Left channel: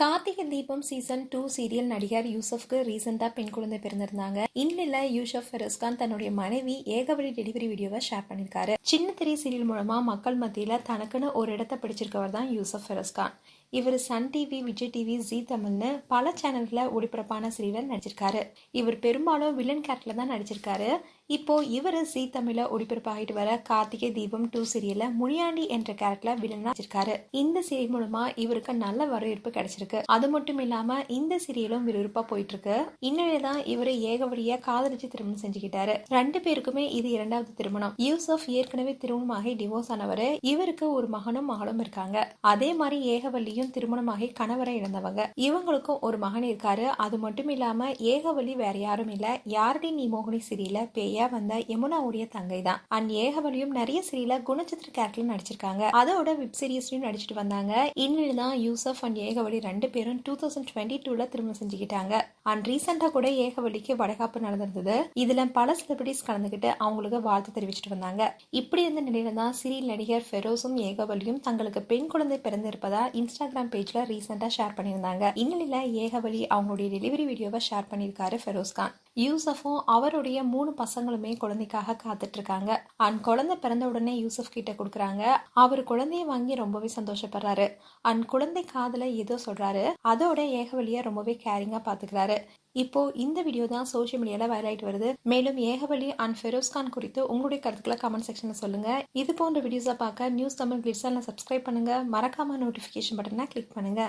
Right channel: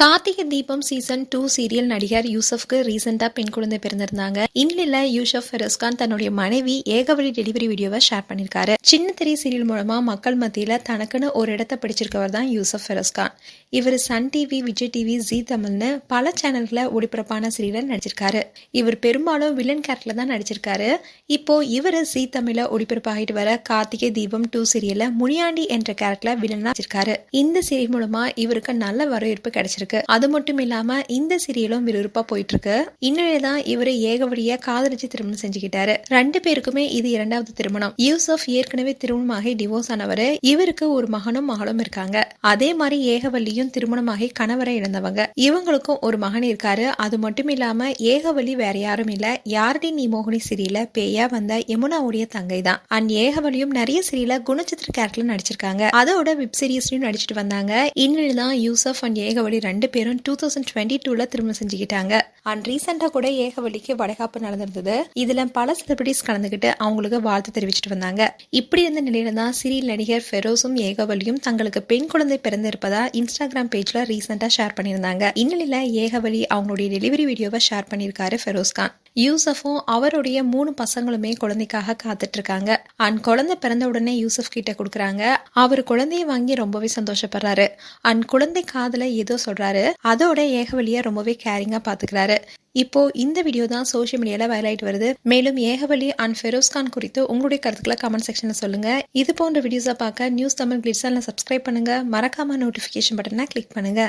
Karthigai Deepam season 2 serial நடிகர் யூசப்க்கு ரீசெண்டா பெண் குழந்தை பிறந்திருந்தாங்க. இந்நிலையில யூசப் ஃபெரோஸ்கான் தன்னுடைய மனைவி ஏகவழி டெலிவரி வீடியோவை ஷேர் பண்ணியிருக்காரு. சின்ன திரை சீரியல் மூலமா மக்கள் மத்தியில தனக்குன்னு ஒரு இடத்தை பிடிச்சிருக்கவர் தான் யூசப் ஃபெரோஸ்கான். இவர் Sun TV, Vijay TV, Zee தமிழ்னு பல சேனல்களை ஒளிபரப்பான சீரியல் நடிச்சிருக்காரு. இவர் பெரும்பாலும் வில்லன் கேரக்டர்ல தான் நடிச்சிருக்காரு. இப்போ இவர் ஜி தமிழ்ல ஒளிபரப்பாகிட்டு வர கார்த்திகை தீபம் 2 சீரியல்ல முனியாண்டி என்ற கேரக்டர்ல வில்லனா நடிச்சிருக்காரு. இந்த சீரியல் மூலமா இவருக்கு நல்ல வரவேற்பு கிடைச்சிருக்கு. அது மட்டும் இல்லாம இந்த சீரியலும் விறுவிறுப்பா போயிட்டு இருக்கு. இந்நிலையில்தான் இவரு ஏகவழியா காதலிச்சு திருமணம் செஞ்சுக்கிட்டாரு. 2 பேருக்குமே இது 2வது திருமணம். யூசப் ஏற்கனவே திருமணமாகி டிவோர்ஸ் ஆனவரு. இவருக்கு ஒரு மகனும் மகளும் இருக்காங்க. அதே மாதிரி ஏகவல்லியும் திருமணமாகி கணவரை இழந்தவங்க. இவங்களுக்கும் ஒரு மகன் இருக்காரு. அது மட்டும் இல்லாம ஏகவல்லி வேற யாரும் இல்ல, யாரடி நீ மோகினி சீரியல்ல பேயா வந்த யமுனாவுடைய தங்கை தான். அண்ட் ஏகவல்லியும் நிறைய சீரியல்ல குணச்சித்திர கேரக்டர்ல நடிச்சிருக்காங்க. அதோட வெப் சீரிஸ்லயும் நடிச்சிட்டு வந்தாங்க. இந்நிலையில்தான் யூசப் அண்ட் ஏகவல்லி 2 பேரும் 2022ல திருமணம் செஞ்சுக்கிட்டாங்க. அண்ட் ரீசெண்டா கூட ஏகவல்லிக்கு வளைகாப்பு நடந்திருந்தது. இதுல பல செலிபிரிட்டிஸ் கலந்துகிட்டு அவங்களுக்கு வாழ்த்து தெரிவிச்சிட்டு வந்தாங்க. இப்படி இருந்த நிலையில தான் சீரியல் நடிகர் ஃபெரோஸும் ஏகவல்லியும் தங்களுக்கு பெண் குழந்தை பிறந்திருப்பதா இன்ஸ்டாகிராம் பேஜ்ல ரீசெண்டா ஷேர் பண்ணியிருந்தாங்க. இந்நிலையில ஏகவல்லி அவங்களுடைய டெலிவரி வீடியோவை ஷேர் பண்ணியிருக்காரு ஃபெரோஸ்கான். யூசஃபும் அவருடைய 3 பசங்களுமே குழந்தைக்காக காத்துட்டு இருக்காங்க. அண்ட் குழந்தை பிறந்த உடனே யூசப் கிட்ட கொடுக்குறாங்க. அவர் குழந்தைய வாங்கி ரொம்பவே சந்தோஷப்படுறாரு. அண்ட் குழந்தை காதல ஏதோ சொல்றாரு. அதோட ஏகவல்லிய ரொம்பவே கேரிங்கா பாத்துக்கிறாரு. இப்போ இந்த வீடியோ தான் சோஷியல் மீடியால வைரல் ஆயிட்டு வருது. மேலும் ஏகவல்லி அண்ட் ஃபெரோஸ்கான் குறித்து உங்களுடைய கருத்துக்களை கமெண்ட் செக்ஷன்ல சொல்லுங்க. இது போன்ற வீடியோஸை பார்க்க நியூஸ் தமிழ் கிளிட்ஸ் சேனலை சப்ஸ்கிரைப் பண்ணுங்க. மறக்காம நோட்டிபிகேஷன் பட்டனை கிளிக் பண்ணுங்க.